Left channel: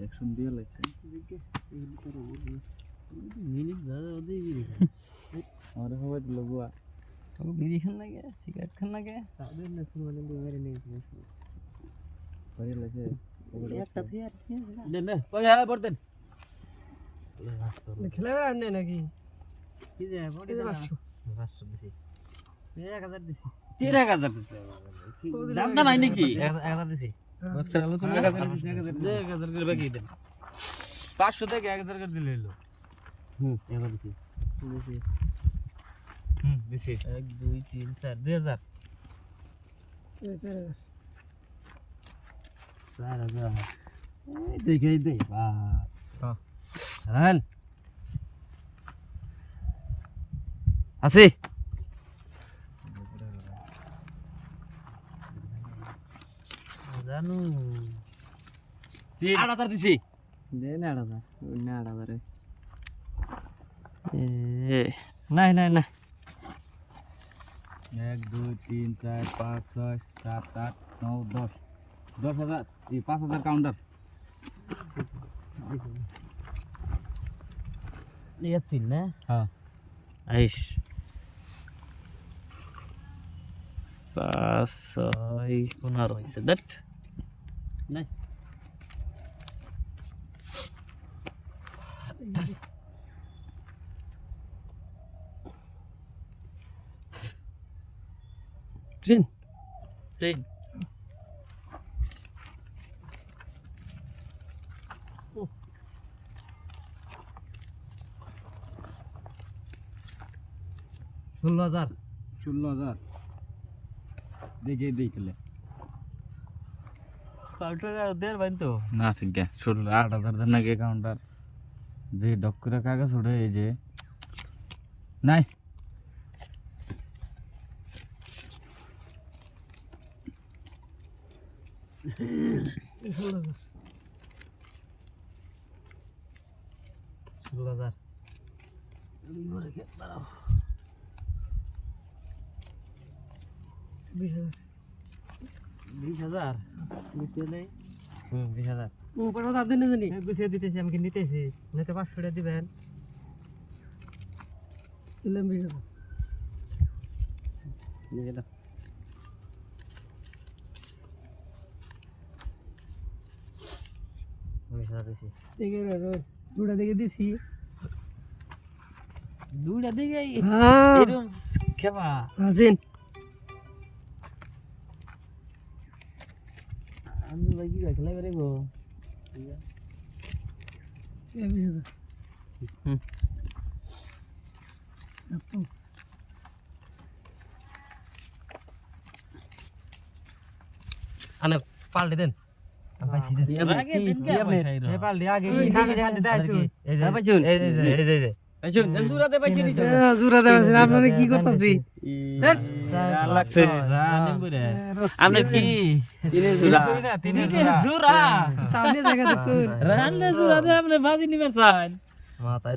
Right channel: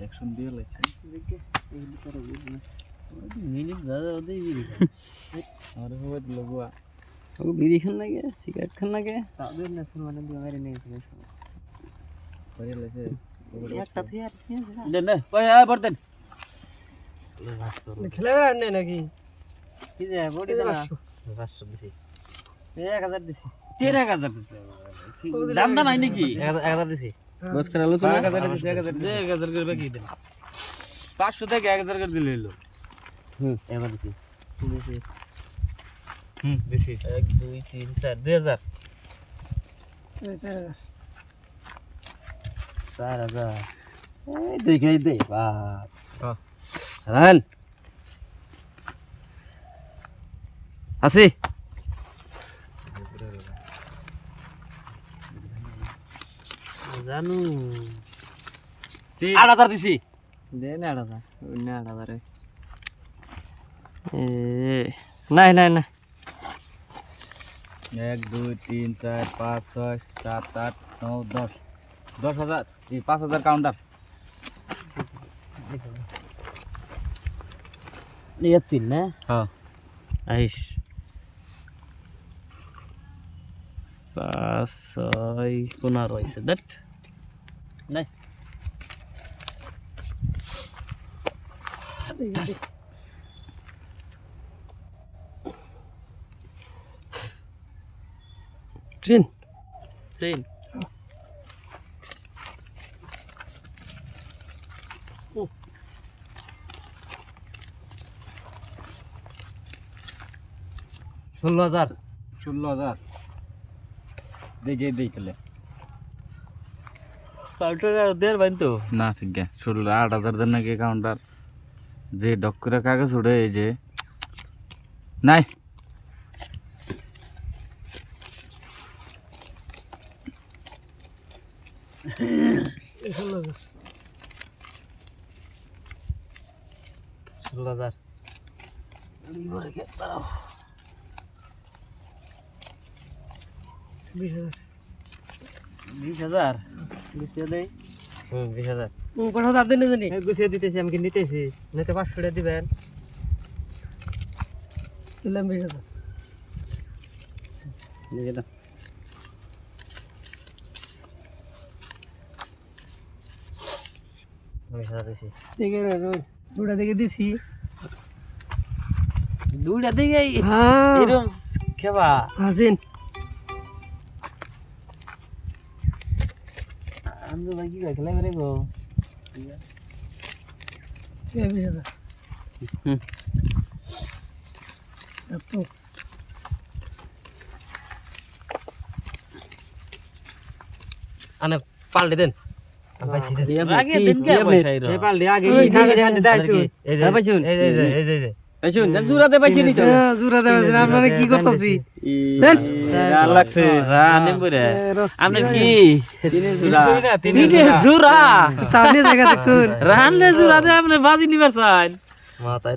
Action দিয়ে লাগছে minute দাদা ওদের বিড়ি আমার হবে লগুয়া ও বিড়ি খান লাগে সিগারেট খান লাগে তাদের নেশন মানে মেরে নিয়েছিল করে লাগছে একটা থেকে আর কি দেন না পয়সা বর্তন খেলে আনে নাকি কি যে বডি দাও 500 দিছি 1000 দিছি 13000 দিছে দাম দা নাই নাকি 1000 দিছি বস করালো তো 1000 দিছি 1000 করে বাকি দেন 500 থেকে 1000 করে দিলে হলো এবার দিছি দিছি 1 2 3 4 2000 4000 এই দেখে দে বাপ হ্যাঁ রান আসি জানু 8000 দিছি দেন 8000 না 8000 এ নাই নাই না 1 2 3 4 5 6 7 8 9 10 10000 এই 5000 কাউন্টার নিয়েছিস না হ্যাঁ আইস 5 6 15 হইছে দ্যাট নাই Sin. Sin. ষোলো হাজার 16000 দেখে দেখলে কাউন্টার আর দের বাইন তো না ঠিক আছে 8000 দেন নাকি কাউন্টার যে ডক করে কাগজ উড়ে এই যে নাই ষোলো হাজার 20,000 গুছিয়ে দেই 20,000 কথা দাঁত দিনে জানি গুছিয়ে দিতেছি আমি কি নিতেছি নিতে 500 টাকা দিবেন দিলাম 20,000 নিয়ে দাও দিছি দেখে দুটা দেখে দিছি দুটা দেখে এরকম খেবা আসেন আমি তো কি কই খেলা করে গো আনে পাল্টে দেন আগে দিন কে পয়সা এর পাল্টে আগে কাগজ হাতে দাইছো এই যে এই যে শুন জুরাতে পাইছি নি জুরা দেবেন আপনারা কি করতেছি লাগছে রানে বরে আপনার কি তিনে জুরা সামনে জায়গা দেখছুন রানলে জুরা দে আপনি বাজি নিবার চান মাথায়